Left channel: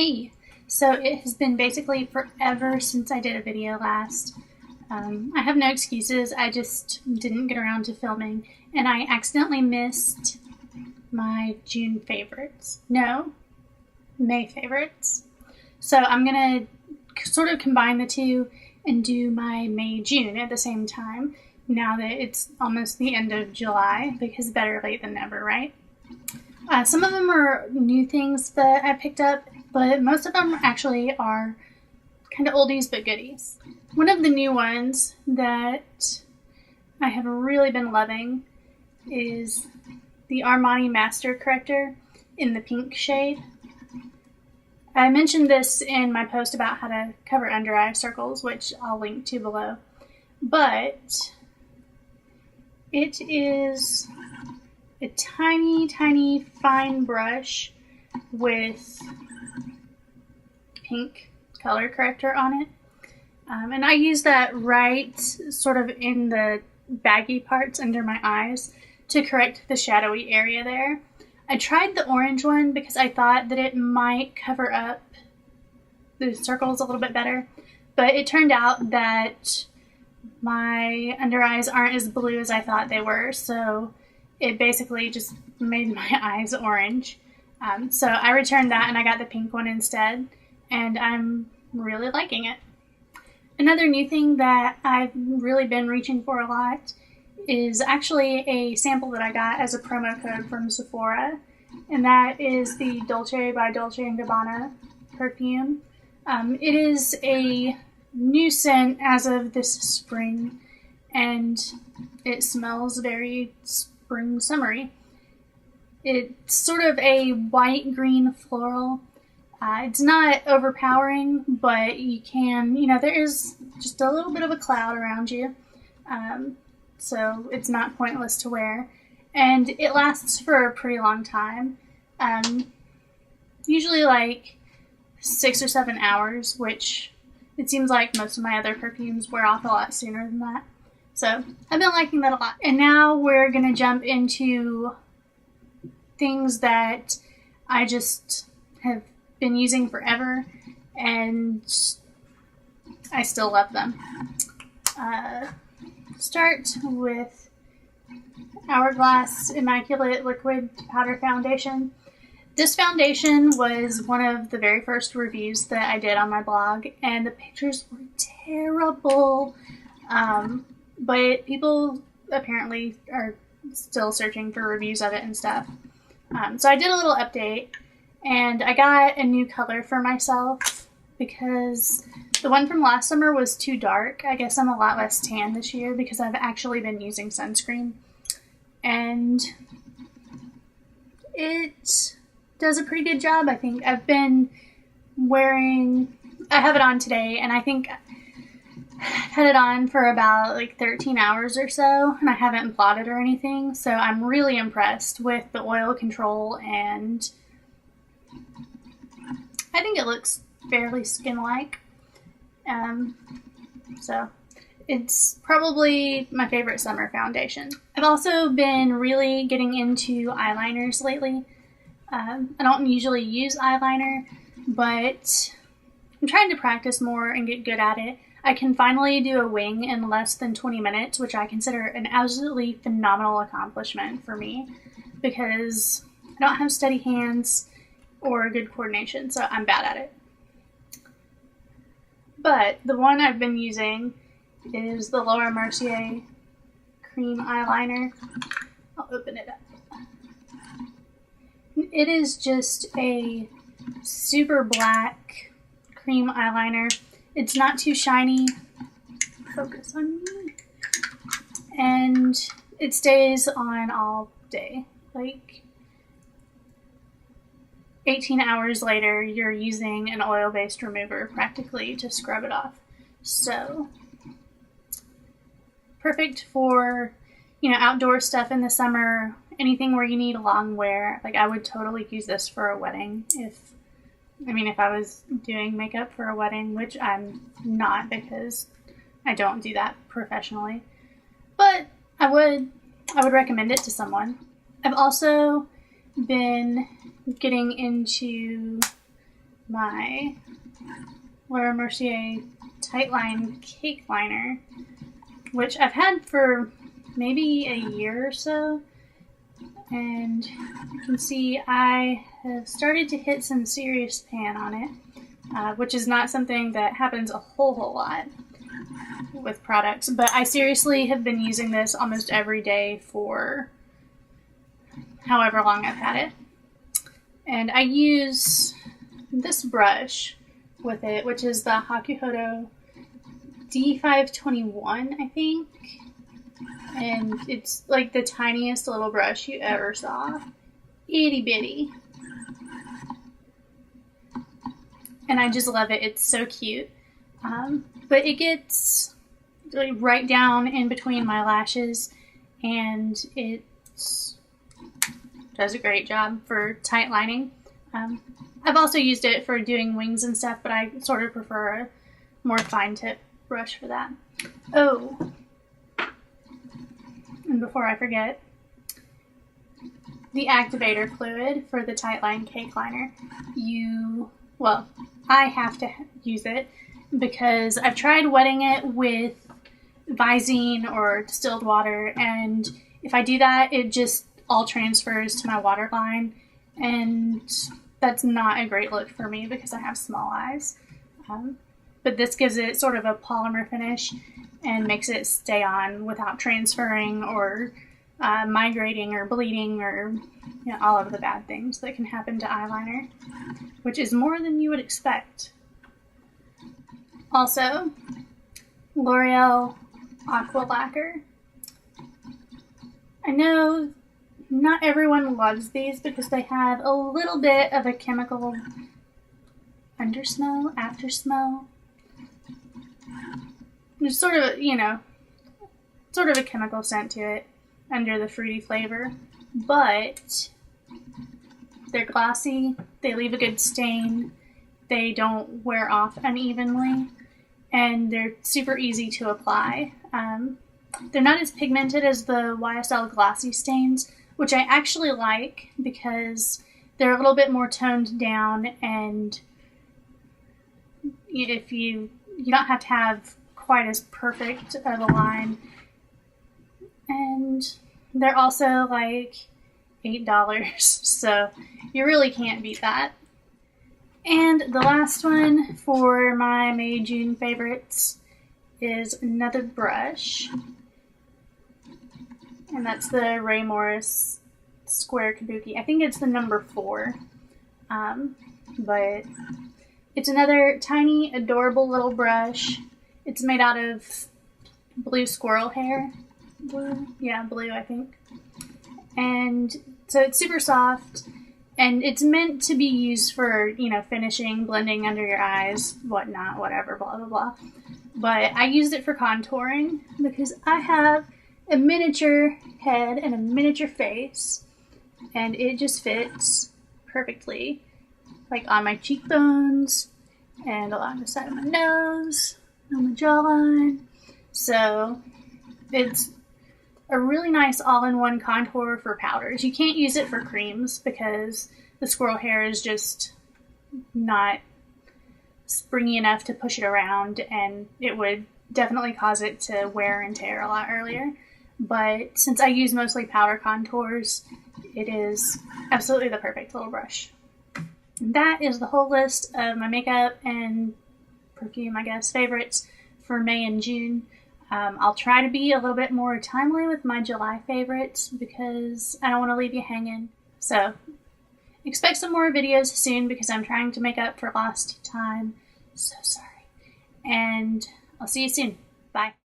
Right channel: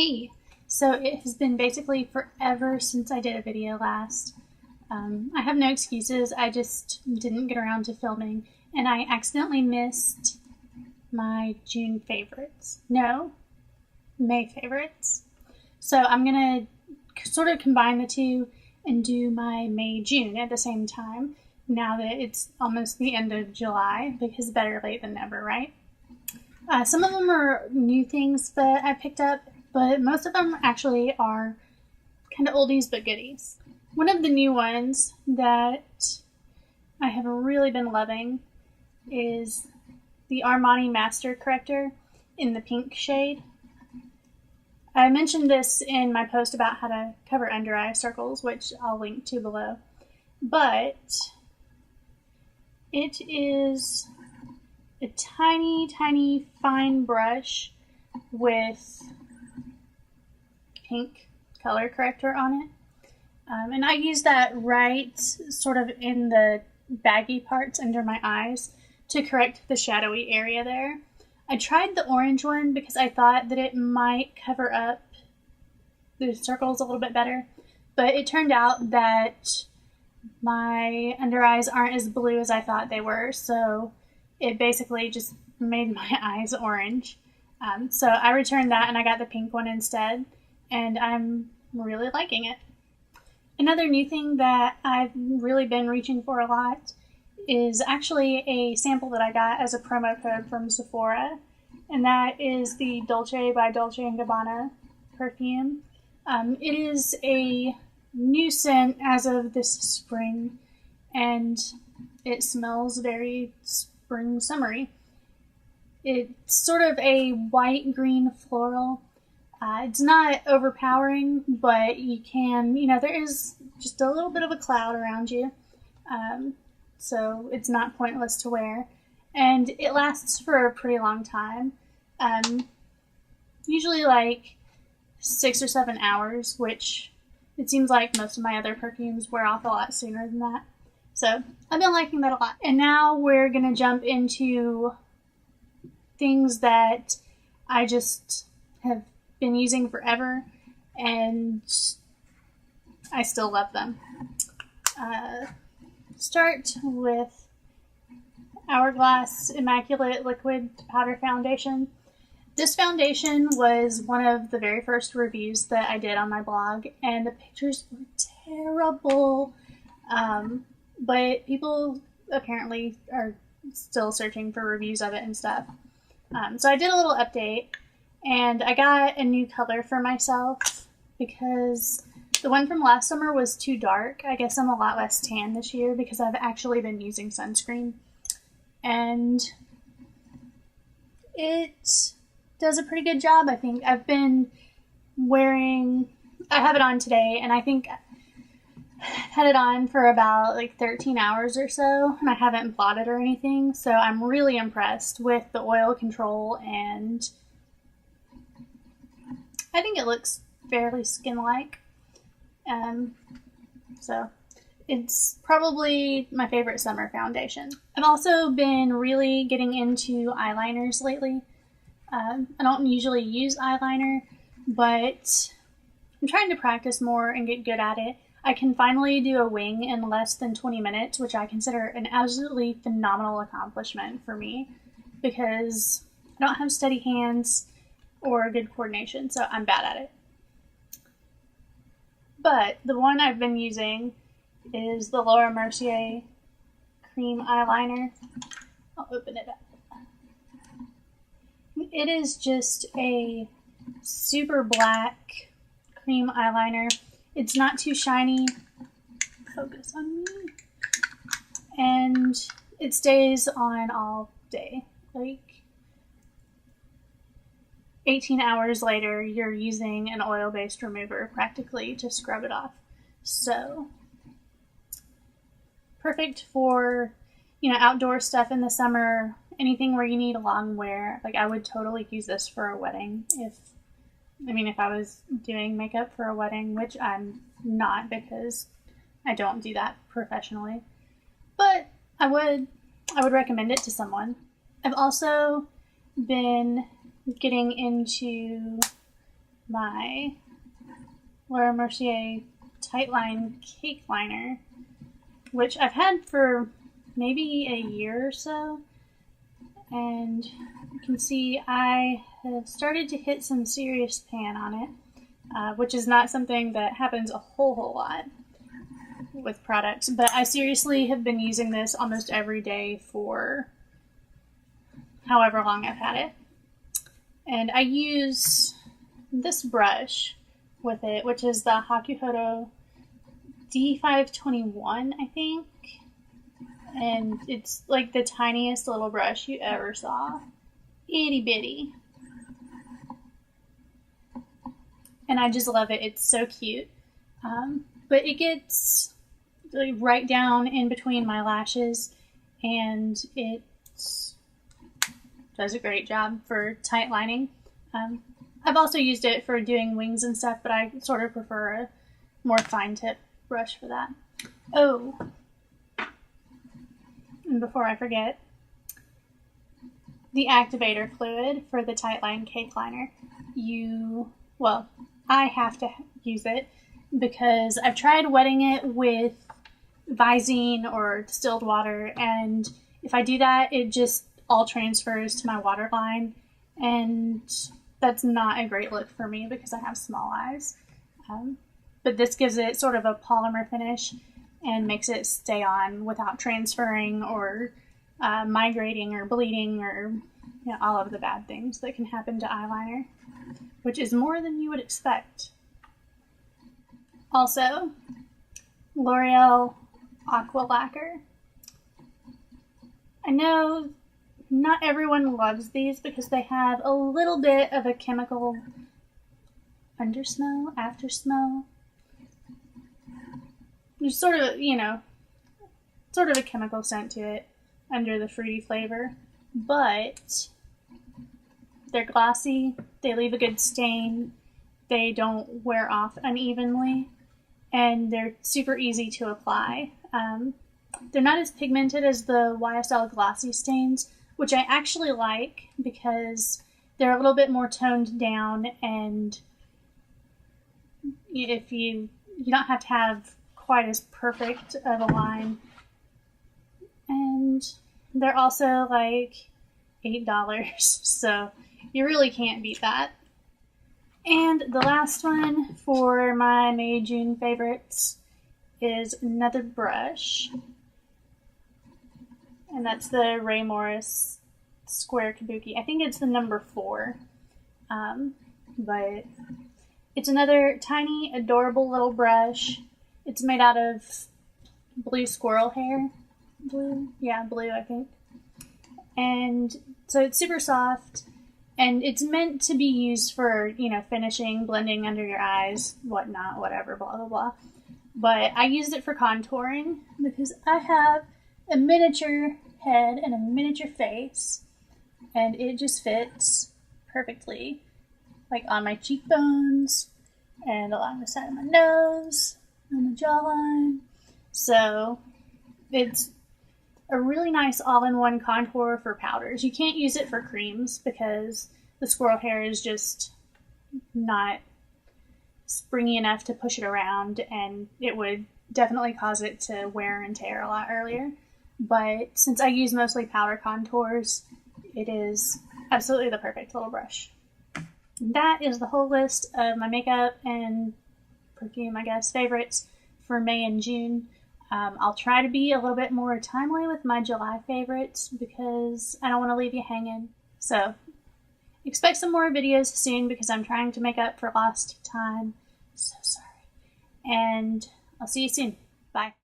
Hey, so it has been basically forever since I did a video last. I have no excuses, I just didn't get around to filming, and I accidentally missed my June favorites. No, May favorites. So I'm going to sort of combine the two and do my May-June at the same time, now that it's almost the end of July, because better late than never, right? Some of them are new things that I picked up, but most of them actually are kind of oldies but goodies. One of the new ones that I have really been loving is the Armani Master Corrector in the pink shade. I mentioned this in my post about how to cover under eye circles, which I'll link to below. But it is a tiny, tiny fine brush with pink color corrector on it. And I use that right sort of in the baggy parts under my eyes to correct the shadowy area there. I tried the orange one because I thought that it might cover up the circles a little bit better, but it turned out that my under eyes aren't as blue as I thought they were, so it basically just made my eyes orange. So I returned that and I got the pink one instead, and I'm really liking it. Another new thing that I've really been reaching for a lot is actually a sample that I got as a promo code from Sephora, and that is the Dolce by Dolce & Gabbana perfume. It is a new scent as of this spring, and it smells very spring summery. It's sort of a white-green floral. It's not overpowering, but you can, there is just a little bit of a cloud around you. So it's not pointless to wear. And it lasts for a pretty long time. Usually like 6 or 7 hours, which it seems like most of my other perfumes wear off a lot sooner than that. So I've been liking that a lot. And now we're going to jump into things that I just have been using forever, and I still love them. Start with Hourglass Immaculate Liquid Powder Foundation. This foundation was one of the very first reviews that I did on my blog, and the pictures were terrible. But people apparently are still searching for reviews of it and stuff. So I did a little update, and I got a new color for myself because the one from last summer was too dark. I guess I'm a lot less tan this year because I've actually been using sunscreen. And it does a pretty good job, I think. I have it on today, and I think I've had it on for about 13 hours or so, and I haven't blotted or anything. So I'm really impressed with the oil control, and I think it looks fairly skin-like. So it's probably my favorite summer foundation. I've also been really getting into eyeliners lately. I don't usually use eyeliner, but I'm trying to practice more and get good at it. I can finally do a wing in less than 20 minutes, which I consider an absolutely phenomenal accomplishment for me because I don't have steady hands or good coordination, so I'm bad at it. But the one I've been using is the Laura Mercier cream eyeliner. I'll open it up. It is just a super black cream eyeliner. It's not too shiny. Focus on me. And it stays on all day. 18 hours later, you're using an oil-based remover practically to scrub it off. So, perfect for, outdoor stuff in the summer, anything where you need a long wear. I would totally use this for a wedding if I was doing makeup for a wedding, which I'm not because I don't do that professionally. But I would recommend it to someone. I've also been getting into my Laura Mercier Tightline Cake Liner, which I've had for maybe a year or so, and you can see I have started to hit some serious pan on it, which is not something that happens a whole lot with products, but I seriously have been using this almost every day for however long I've had it. And I use this brush with it, which is the Hakuhodo D521, I think. And it's like the tiniest little brush you ever saw. Itty bitty. And I just love it. It's so cute. But it gets really right down in between my lashes, and it does a great job for tight lining. I've also used it for doing wings and stuff, but I sort of prefer a more fine tip brush for that. Oh, and before I forget, the activator fluid for the Tightline Cake Liner. I have to use it because I've tried wetting it with Visine or distilled water, and if I do that, it just all transfers to my waterline, and that's not a great look for me because I have small eyes. But this gives it sort of a polymer finish and makes it stay on without transferring or migrating or bleeding or all of the bad things that can happen to eyeliner, which is more than you would expect. Also, L'Oreal Aqua Lacquer. I know not everyone loves these because they have a little bit of a chemical undersmell, aftersmell. There's sort of a chemical scent to it under the fruity flavor, but they're glossy, they leave a good stain, they don't wear off unevenly, and they're super easy to apply. They're not as pigmented as the YSL glossy stains, which I actually like because they're a little bit more toned down, and if you don't have to have quite as perfect of a line. And they're also like $8, so you really can't beat that. And the last one for my May-June favorites is another brush, and that's the Ray Morris Square Kabuki. I think it's the number 4, but it's another tiny, adorable little brush. It's made out of blue squirrel hair. Blue, I think. And so it's super soft, and it's meant to be used for, finishing, blending under your eyes, whatnot, whatever, blah, blah, blah. But I used it for contouring because I have a miniature head and a miniature face, and it just fits perfectly, like on my cheekbones and along the side of my nose, on my jawline. So it's a really nice all-in-one contour for powders. You can't use it for creams because the squirrel hair is just not springy enough to push it around, and it would definitely cause it to wear and tear a lot earlier. But since I use mostly powder contours, it is absolutely the perfect little brush. And that is the whole list of my makeup and perfume, I guess, favorites for May and June. I'll try to be a little bit more timely with my July favorites because I don't want to leave you hanging. So expect some more videos soon because I'm trying to make up for lost time. So sorry. And I'll see you soon. Bye.